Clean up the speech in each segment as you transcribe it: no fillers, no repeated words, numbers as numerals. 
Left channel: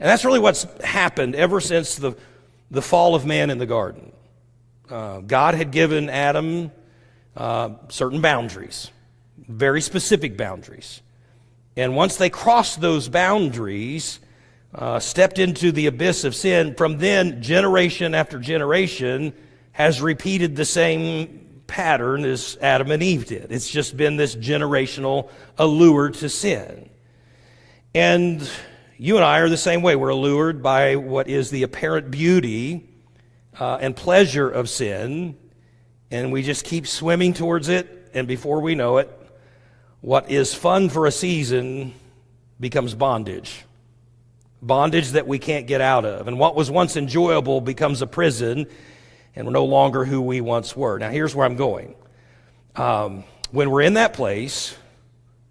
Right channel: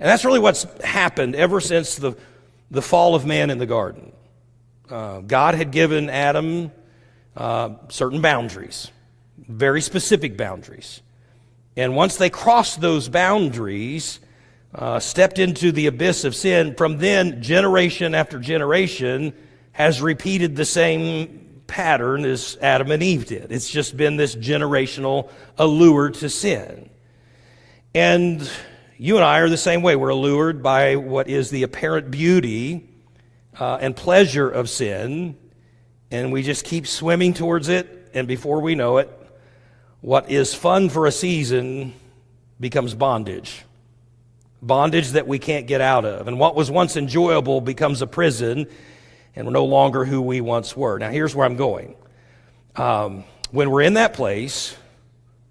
And that's really what's happened ever since the fall of man in the garden. God had given Adam certain boundaries, very specific boundaries. And once they crossed those boundaries, stepped into the abyss of sin, from then, generation after generation has repeated the same pattern as Adam and Eve did. It's just been this generational allure to sin. And you and I are the same way. We're allured by what is the apparent beauty and pleasure of sin, and we just keep swimming towards it, and before we know it, what is fun for a season becomes bondage. Bondage that we can't get out of. And what was once enjoyable becomes a prison, and we're no longer who we once were. Now, here's where I'm going. When we're in that place,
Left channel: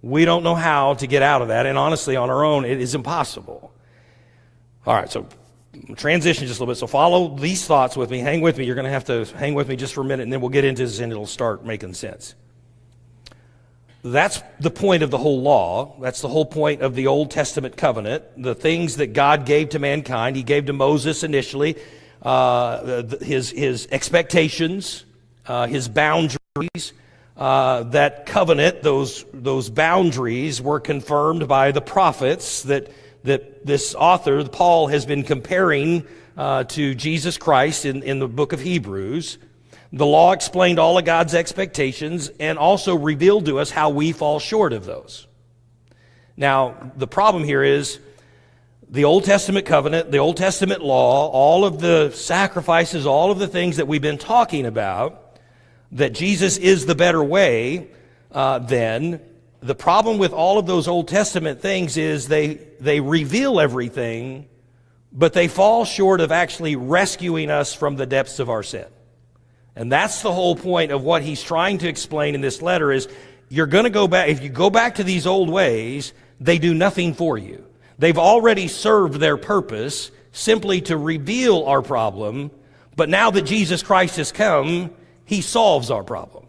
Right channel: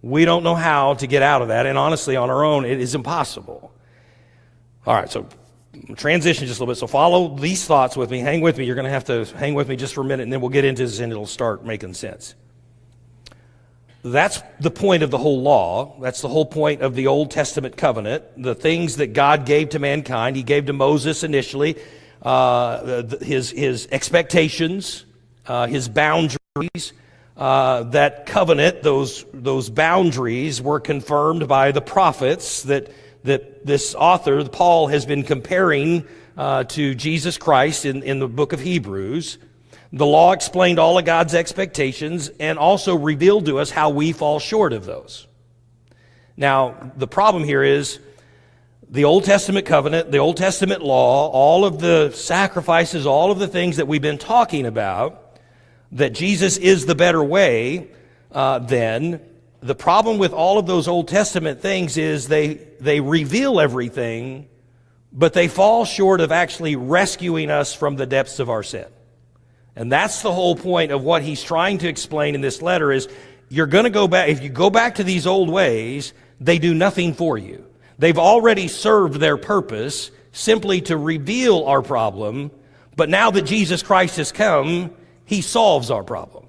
we don't know how to get out of that, and honestly, on our own, it is impossible. All right, so transition just a little bit. So follow these thoughts with me. Hang with me. You're going to have to hang with me just for a minute, and then we'll get into this, and it'll start making sense. That's the point of the whole law. That's the whole point of the Old Testament covenant. The things that God gave to mankind, He gave to Moses initially, his expectations, his boundaries. That covenant, those boundaries were confirmed by the prophets that this author, Paul, has been comparing to Jesus Christ in the book of Hebrews. The law explained all of God's expectations and also revealed to us how we fall short of those. Now, the problem here is the Old Testament covenant, the Old Testament law, all of the sacrifices, all of the things that we've been talking about, that Jesus is the better way, then the problem with all of those Old Testament things is they reveal everything, but they fall short of actually rescuing us from the depths of our sin. And that's the whole point of what he's trying to explain in this letter is you're going to go back, if you go back to these old ways, they do nothing for you. They've already served their purpose simply to reveal our problem, but now that Jesus Christ has come, He solves our problem.